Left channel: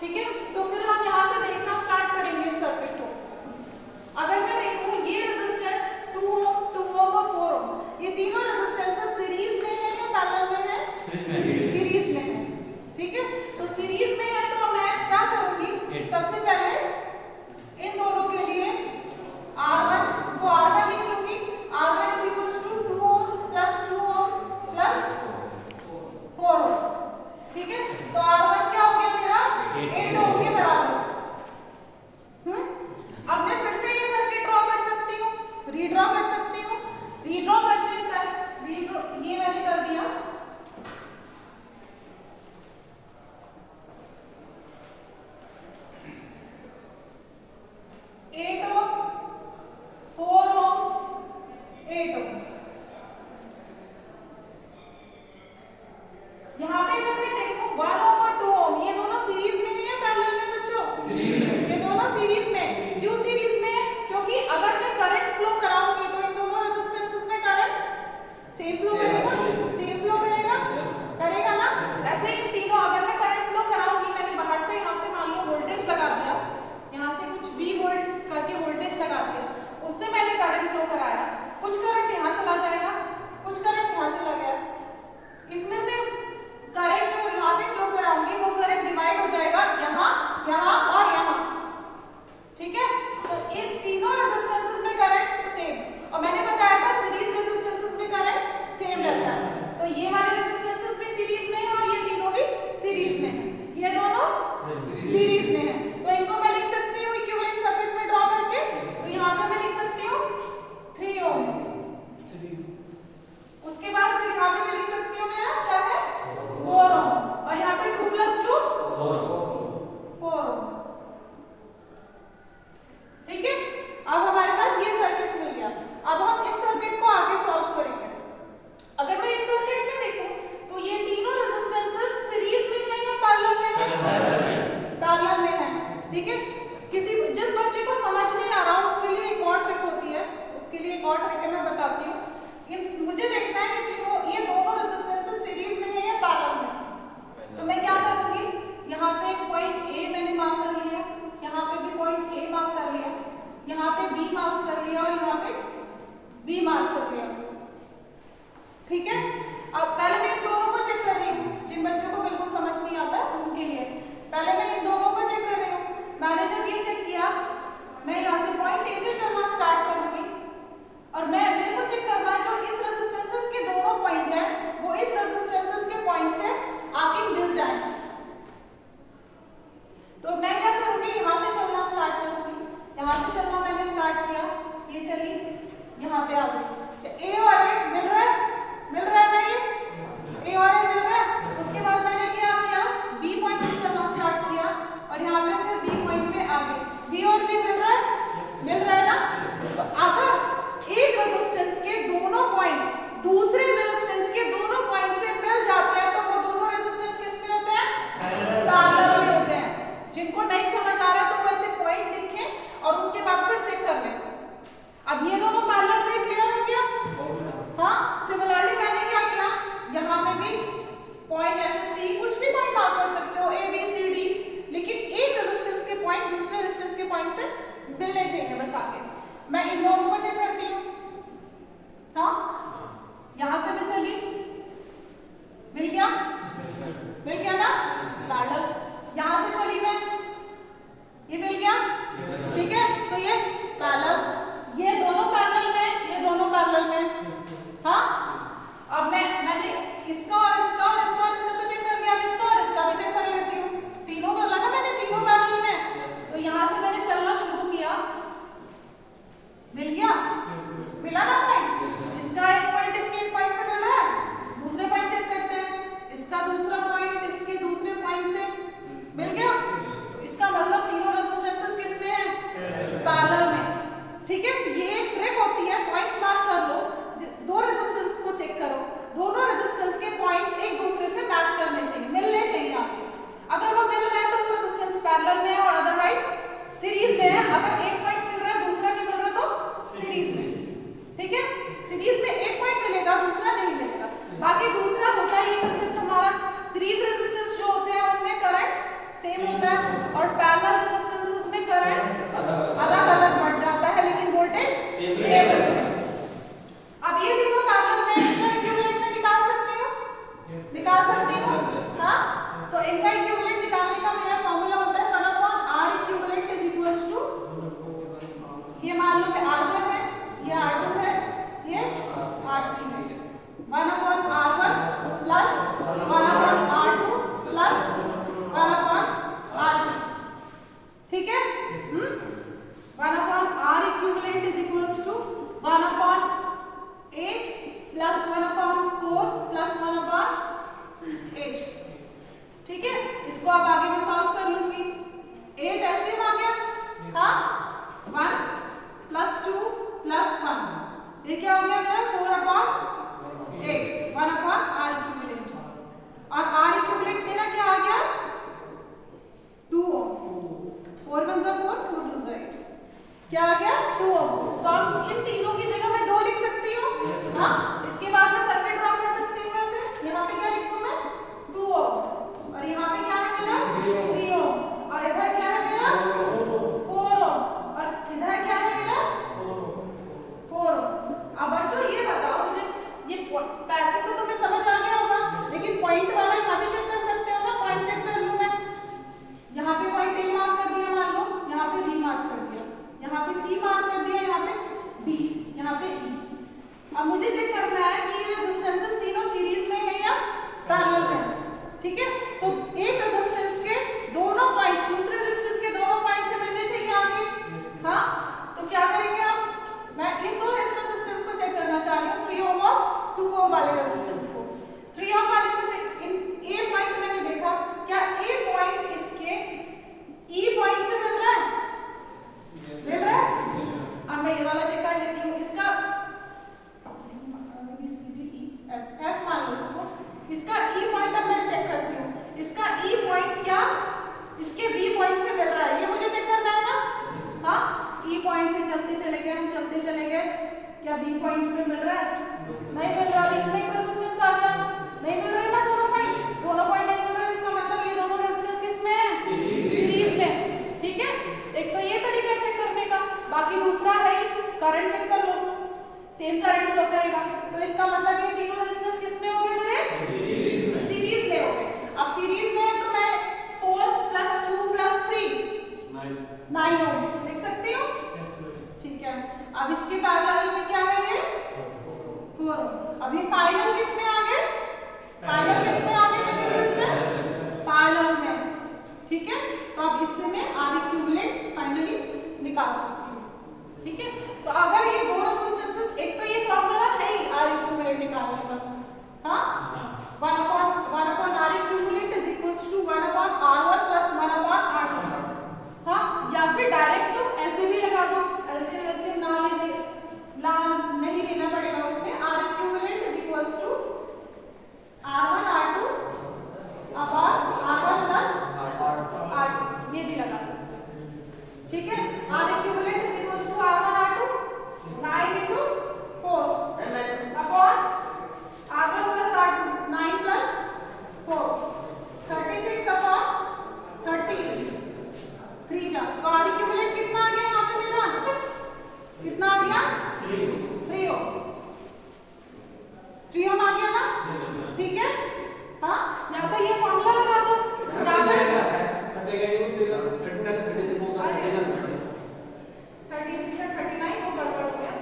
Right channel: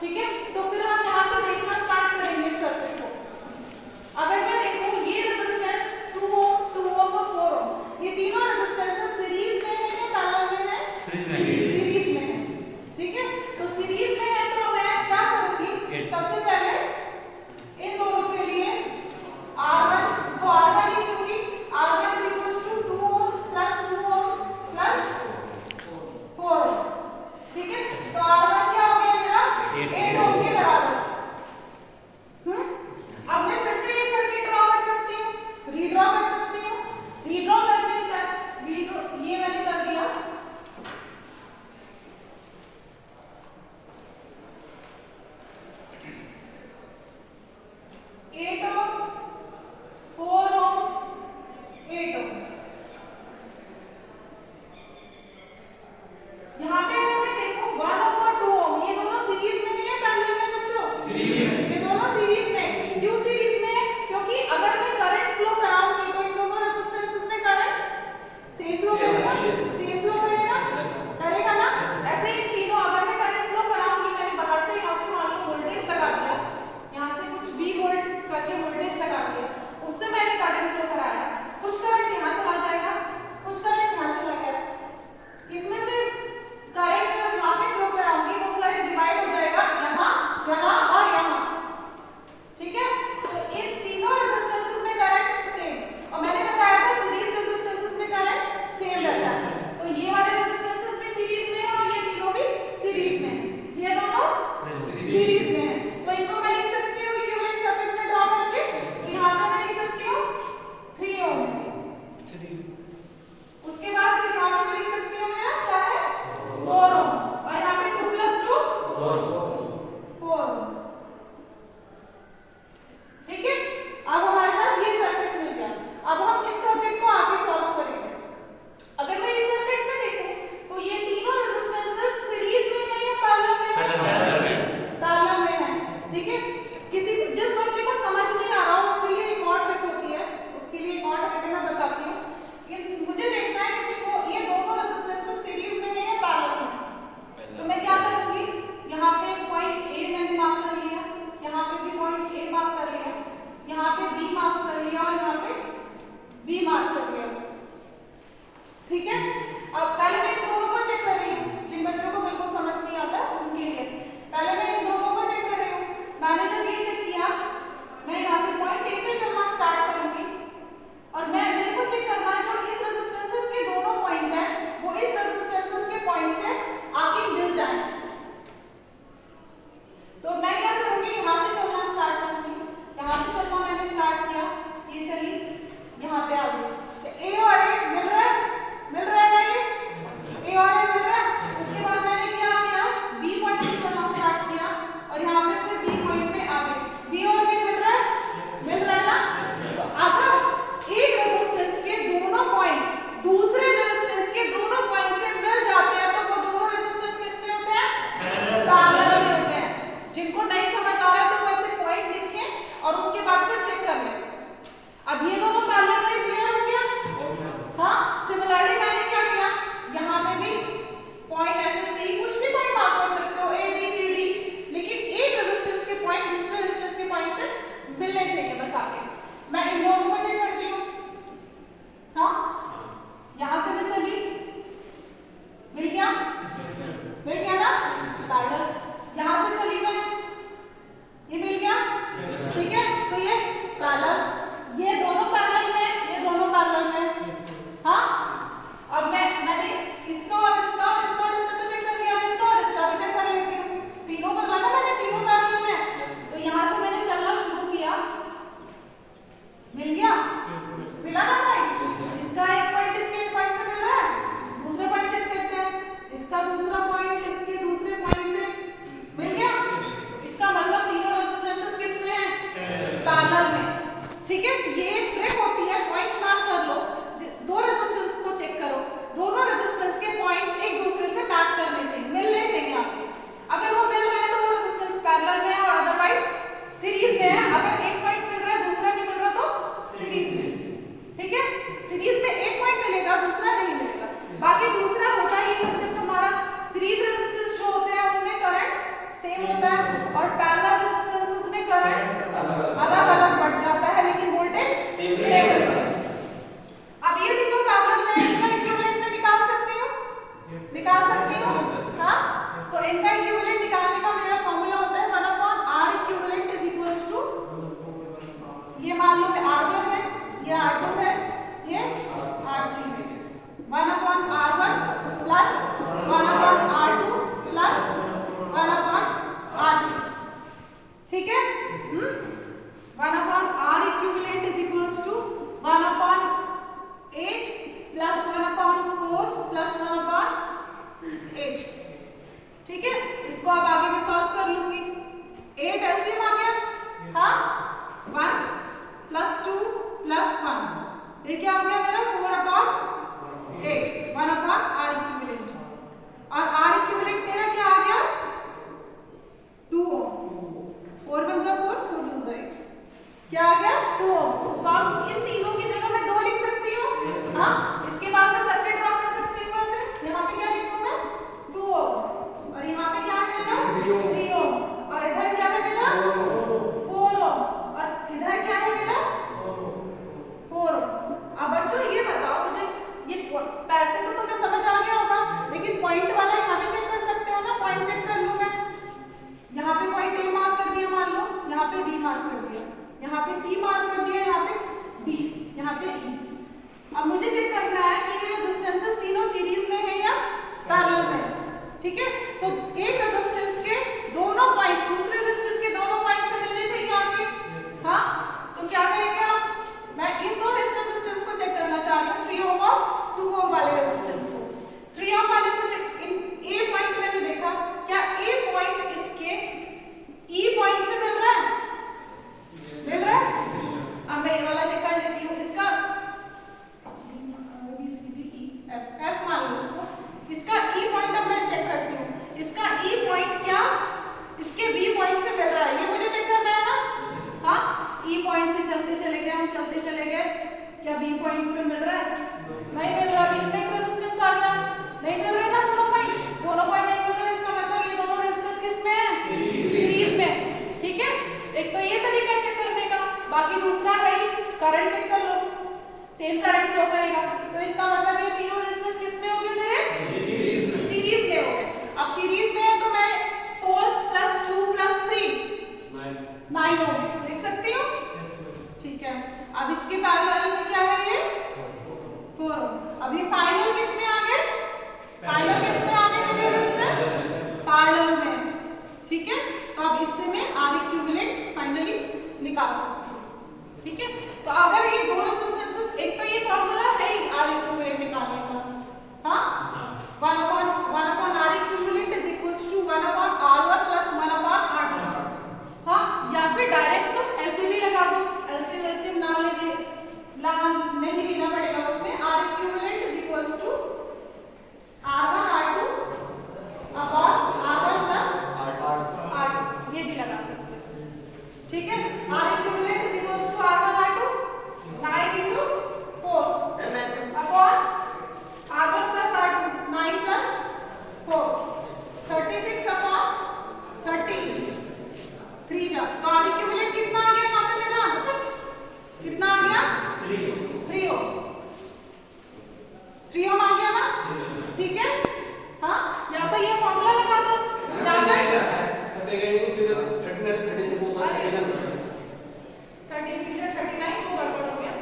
ठीक है, तो फिर हम यहाँ से देखना स्टार्ट करेंगे इस सर्किट को। अगर मैं देखूं ये रेजिस्टेंस 2 ओम, 2 ओम और 4 ओम, ये तीनों रेजिस्टेंसेस सीरीज में है या पैरेलल में है? सीरीज में है। ठीक है, तो सीरीज में है तो मैं क्या करूंगी, सबसे पहले इन दोनों के लिए R1, इसको R1 लिख लूंगी। R1 is equals to 2 ohm plus 2 ohm plus 4 ओम। ठीक है, तो R1 क्या हो गया मेरा 8 ओम के बराबर। अब मैं फिर से ये सर्किट ड्रॉ कर सकती हूँ, रीड्रॉ कर सकती हूँ। रीड्रॉ करने का ये मैंने कर दिया। एट ओम, 4 ओम, 8 ओम। यहाँ पे अगर मैं देखूं 1 ओम और 2 ओम, ये दोनों सीरीज में है या पैरेलल में बच्चों? सीरीज में। ये दोनों सीरीज में। क्यों सीरीज में है? क्योंकि अगर मैं करंट फ्लो कराऊंगी तो इन दोनों रेजिस्टेंसेस में करंट सेम फ्लो करेगा, सेम फ्लो करेगा ना। ऐसे ही तीनों अगर मैं करंट फ्लो कराऊंगी, मैंने बाहर से यहाँ से मान लो वोल्टेज लगा दिया, यहाँ से कुछ V वोल्ट करके वोल्टेज लगा के उससे मैंने करंट फ्लो कराया, कुछ करंट यहाँ चला जाएगा, कुछ करंट यहाँ चला गया। इसमें से करंट जो यहाँ पे फ्लो कराऊंगी वो करंट डिवाइड हो जाएगा यहाँ, यहाँ और यहाँ। ठीक है, तो इन तीनों रेजिस्टेंसेस में करंट सेम, और मैंने बताया था सीरीज रेजिस्टेंसेस में करंट सेम रहता है। तो ये वाले रेजिस्टेंसेस भी सीरीज में है और ये तीनों भी सीरीज में है, ये दोनों सीरीज में है। तो इनको मैं लिख सकती हूँ इक्विवेलेंट सर्किट में ड्रॉ करके। तो यहाँ पे मैं लिख सकती हूँ 3 ओम, उसके बाद फिर यहाँ पे मैं लिख सकती हूँ मेरा क्या है 4 ओम, और यहाँ पे 2 + 2 4 ओम। ठीक है, अब हमारे पास ये सर्किट मिल गया। अब हम इस सर्किट को आगे सॉल्व करेंगे। अगर मैं इस सर्किट में देखूं तो ये तीनों रेजिस्टेंसेस सीरीज में है या पैरेलल में है? पैरेलल में है। ठीक है, जिस बच्चे को समझ नहीं आ रहा उसके लिए एक और ट्रिक होती है, उसके लिए एक और ट्रिक मैं बताती हूँ। मुझे देखना है ये दोनों रेजिस्टेंसेस सीरीज में है या पैरेलल में। तो मैं क्या करूंगी, यहाँ पे पॉइंट A मैंने मार्क कर लिया, यहाँ पे भी पॉइंट A मार्क कर लिया, यहाँ पे B मार्क कर लिया और यहाँ पे B मार्क कर लिया। ठीक है, अब पहले मैं इन दोनों को चेक कर रही हूँ, जिन बच्चों को बिल्कुल समझ नहीं आता उनके लिए। पहले मैं इन दोनों को चेक कर रही हूँ। मैंने जब ये चेक किया, मैं यहाँ से पॉइंट A से चलना स्टार्ट करूंगी और मेरे को चेक करना है जो इस रेजिस्टेंसेस के दोनों पॉइंट हैं वो इस रेजिस्टेंसेस के पॉइंट से आके मिल जाए। तो मैं क्या करूंगी, यहाँ से चलना स्टार्ट करूंगी। यहाँ से चलना मैंने स्टार्ट किया, ये चली यहाँ पे आ गई। तो A और A मिल रहा है ना, ये A और A मिल रहा है। उसके बाद मैंने क्या किया, B पॉइंट से चलना स्टार्ट किया और यहाँ पे फिर B पॉइंट पे आ गए। B और B मिल रहा है ना। तो अगर एक रेजिस्टेंस के दोनों पॉइंट दूसरे रेजिस्टेंस के दोनों पॉइंट से मिल जाते हैं तो वो दोनों रेजिस्टेंस किस में होते हैं? पैरेलल में होते हैं। जिनको नहीं समझ आ रहा तो वो ऐसे पॉइंट लिखें और उसके बाद फिर चेक कर लें। अब ये दोनों पैरेलल में क्लियर हो गया। हाँ, सिमिलरली मैंने क्या किया, यहाँ पे भी पॉइंट ऐसे C कुछ भी पॉइंट मार्क कर सकते हो, A B C D, लेकिन एक रेजिस्टेंस के पॉइंट दूसरे रेजिस्टेंस के पॉइंट से मिलने चाहिए बस आके। मैं इन दोनों को चेक करती हूँ। हाँ, यहाँ से मैं चली, मिल गया ना पैरेलल। यहाँ से चली मैं, ये मिल गया। ठीक है, तो ये पैरेलल, ये दोनों पैरेलल में, ये दोनों पैरेलल में। हाँ, अब मैंने इसका और इसका और इसका और इसका तो चेक कर लिया, अब इसका और इसका भी चेक कर लेती हूँ। तीनों बदला ना मैंने, तीनों पैरेलल में। तो यहाँ से मैंने चलना शुरू किया, मिल गया, मिला ना पॉइंट। इसका एक पॉइंट इसके एक पॉइंट से मिल रहा है, दूसरे पॉइंट चेक करते हैं, इसका दूसरा पॉइंट इसके दूसरे पॉइंट से मिल गया। तो इसका मतलब तीनों रेजिस्टेंसेस किस में है? पैरेलल में। ठीक है, ये एक ट्रिक होती है, पॉइंट्स मार्क कर लो, दो रेजिस्टेंस को चेक करो, दोनों रेजिस्टेंस के पॉइंट्स एक दूसरे से मैच करने चाहिए, मिलने चाहिए आपको। अगर वो मिल रहे हैं तो वो रेजिस्टेंस पैरेलल में है और अदरवाइज सीरीज में है। अगर एक पॉइंट मिल रहा है दूसरा नहीं मिल रहा तो सीरीज में। ठीक है, सीरीज में एक पॉइंट मिलेगा दूसरा नहीं मिलेगा। बाकी दूसरा होता है ये कंसेप्ट हमारा, सीरीज रेजिस्टेंस जो होते हैं उनमें करंट सेम होता है, इसको अब आगे मैं सॉल्व कर लूंगी। 8 एलसीएम आ गया, हाँ 1 + 2 + 1, ये क्या हो गया मेरा 4/8, 1/R इक्विवेलेंट। और R इक्विवेलेंट मेरा क्या आ गया 2 ओम, 4 × 1 = 4, 4 × 2 = 8, क्या आ गया 2 ओम। तो अब इन तीनों की जगह मैं 2 लिख सकती हूँ, हाँ। इसके बाद मैं सर्किट ड्रॉ कर सकती हूँ ऐसे, यहाँ पे क्या लिख दूँ मैं 2 ओम, और यहाँ पे क्या है मेरा 3 ओम, और इधर क्या है मेरा 4 ओम, और इधर क्या है मेरा 4 ओम। अब बच्चों ये बताओ मुझे, ये पैसे को तो मैं समझ आ गया होगा, लेकिन पॉइंट वाला यहाँ पे चेक कर सकते हो ना, पॉइंट चेक कर लूँ मैं। यहाँ पे पॉइंट ए मार्क कर दिया मान लो, यहाँ पे बी मार्क कर दिया, यहाँ पे सी मार्क कर दिया, यहाँ पे डी, यहाँ पे ई। अब मुझे चेक करना है कि ये रेजिस्टेंसेस तीनों सीरीज में है या पैरेलल में, ठीक है। तो एक रेजिस्टेंस के दोनों पॉइंट्स दूसरे रेजिस्टेंस के दोनों पॉइंट से मिलने चाहिए आगे, हाँ। तो क्या करेंगे आप, मैं इस और इस रेजिस्टेंस को चेक करना चाह रही हूँ, 3 ओम और 2 ओम वाले रेजिस्टेंस को। 3 ओम वाले को चेक, ए पॉइंट मैंने देखा, क्या ए पॉइंट इसके ई पॉइंट से मिल रहा है, मिल रहा है। अब मैं ये वाला चेक कर लेती हूँ, इसका F मान लो इसको, इसका ई पॉइंट अब मैं चेक करती हूँ, इसका ई पॉइंट क्या इसके बी पॉइंट से मिल रहा है, ये मुझे चेक करना है ना, हाँ। ई पॉइंट से चलते चले गए, हम चलते चले गए, क्या बी पॉइंट पे मिल रहा है, नहीं मिल रहा, बीच में एक रेजिस्टेंस आ गया, नहीं मिल रहे ना दोनों पॉइंट नहीं मिल रहे, इसका मतलब ये दोनों रेजिस्टेंस किसमें है, सीरीज में, ठीक है। एक तो ये तरीका है चेक करने का, बाकी दूसरा है करंट चेक कर लो, सेम करंट फ्लो करेगा, तो इसका मतलब ये तीनों रेजिस्टेंस किसमें हो गए मेरे, सीरीज में हो गए। अब सीरीज में है तो मैं 4 + 2 + 3 9 ओम लिख सकती हूँ, ठीक है। अब इसके पैरेलल में क्या है ये 4 ओम। अब ये फाइनल किसमें आ गए, फाइनल किसमें आ गए मेरे रेजिस्टेंस, पैरेलल में, ठीक है। तो अब इससे मैं R इक्विवेलेंट फाइनली निकाल सकती हूँ, ठीक है। तो अगर ये दो रेजिस्टेंसेस, एक तो ये फॉर्मूला है ही R इक्विवेलेंट निकालने का, हाँ 1/R इक्विवेलेंट = 1/R1 + 1/R2, हाँ। या फिर डायरेक्ट तुम ऐसे भी लगा दो, एलसीएम नहीं लेना पड़ेगा उसमें, R equivalent = R1 R2 R1 + R2, ये भी लगा सकते हैं, ठीक है। R equivalent = R1 R2 9 × 4 upon R1 + R2 9 + 4 36/30 3 जा, तो R इक्विवेलेंट कितना आ गया यहाँ पे मेरा, कितना आ गया 3 ओम, 3 ओम आ गया ना, ठीक है, हाँ। या तो ये फॉर्मूला लगा दो, या फिर 39 को गड़बड़ हो गया,